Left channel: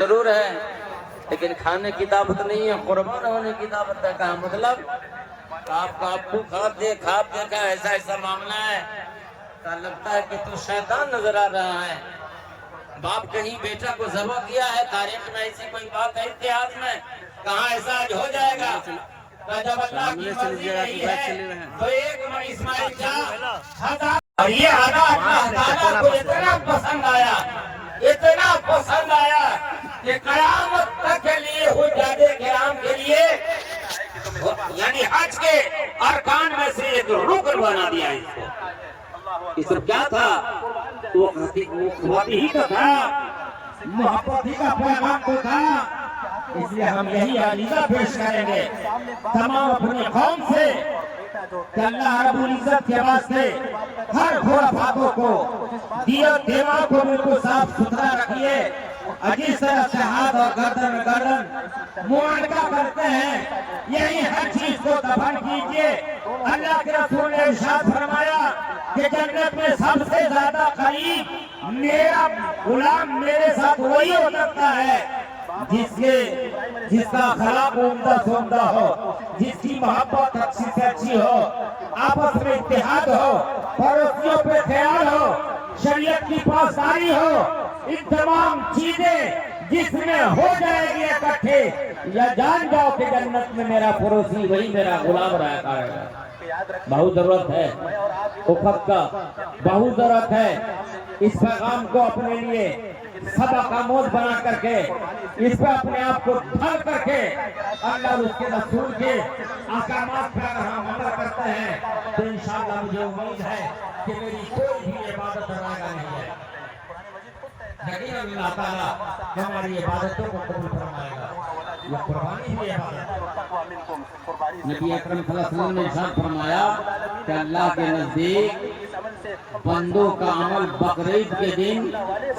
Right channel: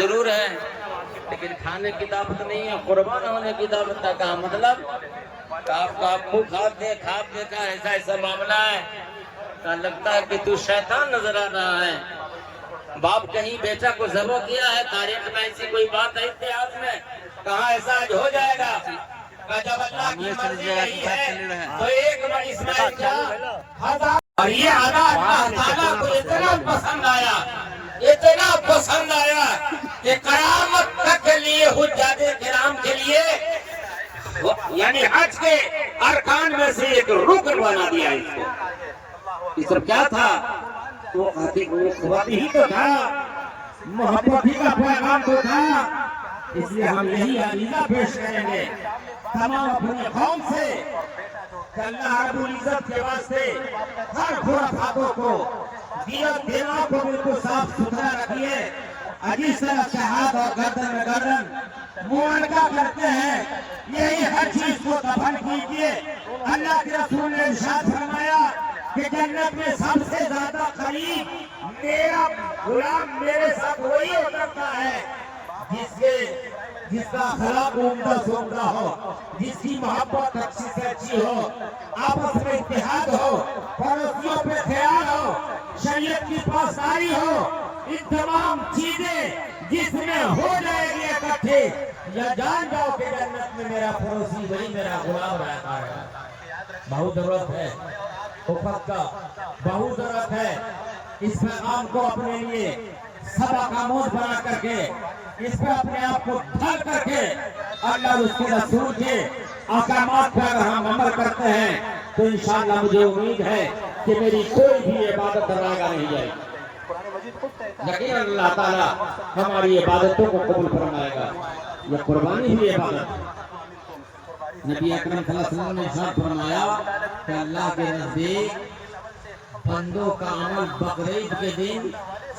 ضرور ہے لیکن کھانے کی دعوت نہیں ہے، قربان ہونے کی دعوت ہے۔ کہا مطلب آپ کو خواب دیکھا ایسا معاملہ ہے، کہا لگتا ہے کہ تو شیطان نظر آ رہا ہے۔ باپ کہیں بیٹا کو ذبح کیا ہے، تاریخ میں ایسی کوئی بات ہے اتحاد میں؟ کہاں ایسا آج ہو جائے گا؟ جب اللہ کی مرضی نہیں ہے تو ایک اسماعیل جان اور یہ اللہ تعالیٰ کو اتنا پسند آیا کہ قیامت تک کے لیے حجاج کرام کے لیے یعنی حج کے ارکان میں سے ایک رکن بنا دیا اس کو۔ یہ سب کیا تھا؟ وہ قوت ہی تو تھا، محبت ہی کا پیغام تو تھا۔ اس لیے ہم یہی عقیدہ پیش کریں گے تمام اپنے قوم سے کہ اللہ رب العزت کے واسطے ہر خرافاتوں کو دیت دیما کو بالکل صاف ستھرا رکھیے۔ جس طرح سے ہاتھ اور گردن میں گردن معانقہ کرتے ہیں، یہی ہر چیز کو دفن کیجیے۔ اللہ کے رسول نے ارشاد فرمایا کہ جنت میں سب سے زیادہ قریب میرا غلام میرے ساتھ وہی ہو سکتا ہے جس کا اخلاق عمدہ سے عمدہ ہو، جس کی محبت اچھی سے اچھی ہو، آپس میں اتحاد ہو، پڑوسیوں پہ خیال ہو، شریعت کی پاسداری ہو۔ ان تمام چیزیں جس میں ہو جائے گی اکٹھے، یا جان جاؤ کہ جنت میں میرا پڑوسی وہی میرا غلام رہا کرے گا۔ بہت ضرورت ہے افق کا، بہت ضرورت ہے اس پیغام کو اپنے لیے سبق آموز بنا کر کے، اس پہ اپنے آپ کو ڈھال کر کے اللہ اور اس کے رسول کے احکامات پہ اگر ہم عمل کرتے ہیں تو انشاءاللہ مجھے امید ہے کہ میری کوئی بھی عبادت ضائع نہیں جائے گی۔ لیکن اللہ تعالیٰ ہماری عبادتوں کو قبول فرمائے گا۔ یہ قربانی ہوئی عبادت۔ نبی اکرم صلی اللہ علیہ وسلم نے ارشاد فرمایا کہ اللہ کے نزدیک بندوں کا عمل بقرعید کے دن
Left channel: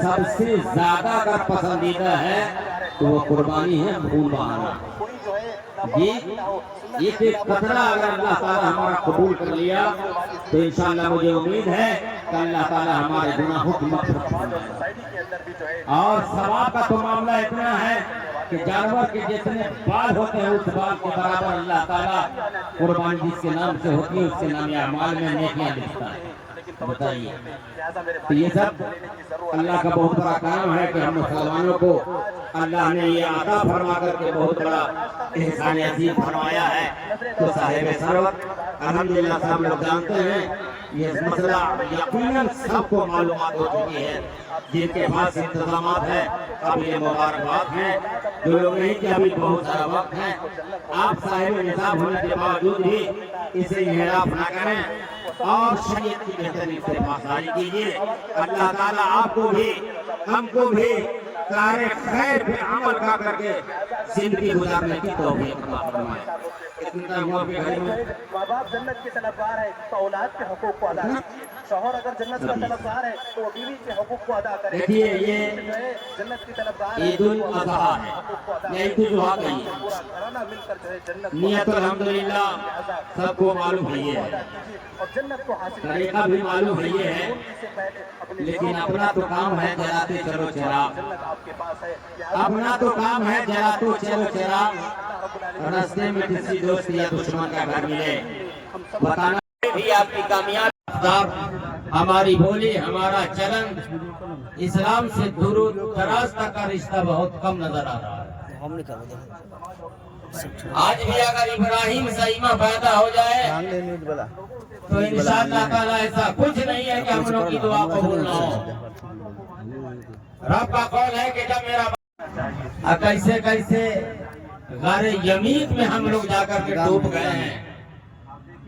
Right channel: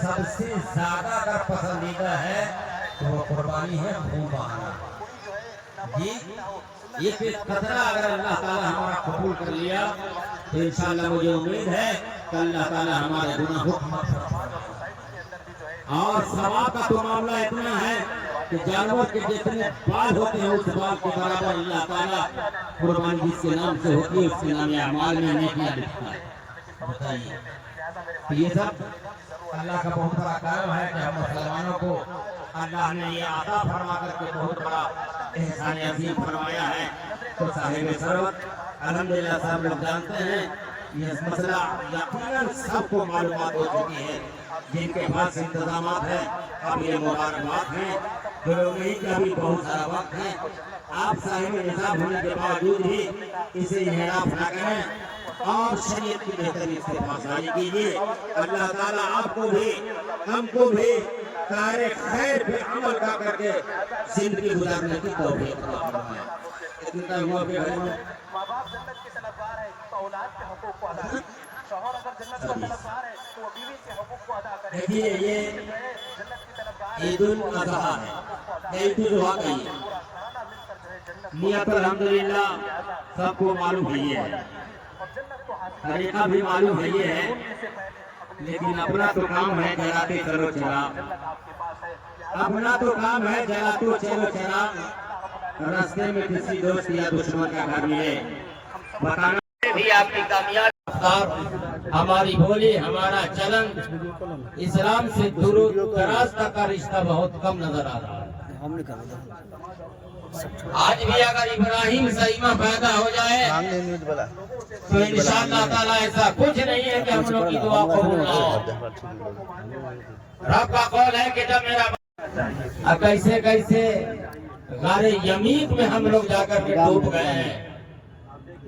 سب سے زیادہ اگر پسندیدہ ہے تو وہ قربانی ہے خون بہانا۔ ایک قطرہ اگر اللہ تعالیٰ ہمارا قبول کر لیا تو انشاءاللہ مجھے امید ہے کہ اللہ تعالیٰ ہمارے گناہوں کی مغفرت فرمائے گا۔ اور ثواب کا تو معاملہ اتنا ہے کہ جانور کے جتنے بال ہوتے ہیں اس بال کے برابر اللہ تعالیٰ قربانی جس کے نام سے ہوتی ہے اس کے نام اعمال میں نیکیاں لکھتا ہے۔ بتائیے، تو یہ سب اللہ کا بہت بڑا کام ہے کہ ہم مسلمانوں کو اللہ نے یہ عطا فرما کر کے بہت بڑا احسان عظیم فرمایا ہے۔ تو صاحب ثروت الحمدللہ سے ہم لوگ جانتے ہیں یہ مسئلہ یقیناً سب کو معلومات ہو چکی ہے۔ جن کے پاس انتظامات ہیں قابل مبارکباد ہیں، جو لوگ نہیں کہ ابھی بہت سارا وقت ہے۔ آپ صاحب نصاب ہونے کے باوجود ہی اسے انحراف نہ کریں اور شریعت کی بہترین سے پاسداری کیجیے۔ اللہ تعالیٰ آپ کو بھی ہم کو بھی کار خیر پہ عمل کر کے زندگی گزارنے کی توفیق عطا فرمائے۔ اتنا ہوا کہ گھر میں باپ جنت کے طلبگار ہے تو اولاد کے حقوق کو ادا کریں۔ شوہر اگر جنت کا طلبگار ہے تو وہ بیوی کے حقوق کو ادا کرے۔ دیکھیے یہ جنت کی طلبگار عید الاضحیٰ ہے، عید الاضحیٰ کہیے۔ نیت الحمدللہ سب کو معلوم ہے یہ ہے، طریقہ بھی معلوم ہے یہ ہے، لیکن اپنا تو کام ہے جلاتے چلو چراغ، اپنا تو کام ہے جلاتے چلو چراغ۔ راستے میں کسی دوست یا دشمن کا گھر ملے بتانا بھی آپ کی کامیابی۔ ہماری بولی ہمارا چلن اسلام سے درود دراز تک کا رشتہ بہت کم نظر آ رہا ہے۔ آج بھی اگر ابراہیم سیمہ پیدا ہو جائے تو انشاءاللہ تعالیٰ ایسا کچھ نہیں ہے کہ ہم لوگ کی دعا قبول نہ ہو۔ رب کا قول ہے کہ جب میرا کیسے کیسے غار یمین میں ہم لوگ جا کر کے ڈوب گئے ہیں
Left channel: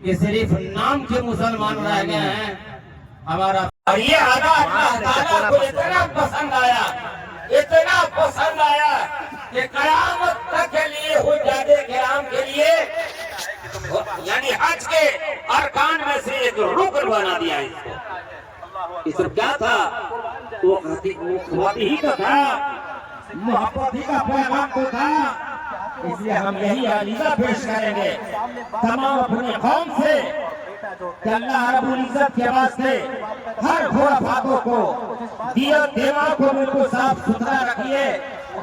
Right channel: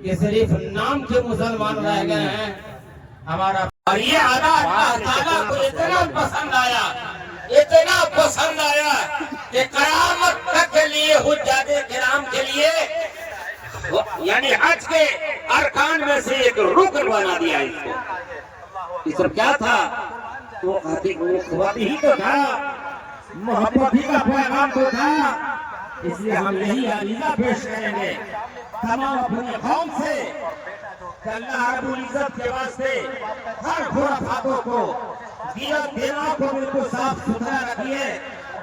کہ صرف نام کے مسلمان رہ گئے ہیں ہمارا۔ اور یہ اللہ تعالیٰ کو اتنا پسند آیا کہ قیامت تک کے لیے حجاج کرام کے لیے یعنی حج کے ارکان میں سے ایک رکن بنا دیا اس کو۔ یہ سب کیا تھا؟ وہ قوت ہی تو تھا، محبت ہی کا پیغام تو تھا۔ اس لیے ہم یہی عقیدہ پیش کریں گے تمام اپنے قوم سے کہ اللہ رب العزت کے واسطے ہر خرافاتوں کو دیت دیما کو بالکل صاف ستھرا رکھیے۔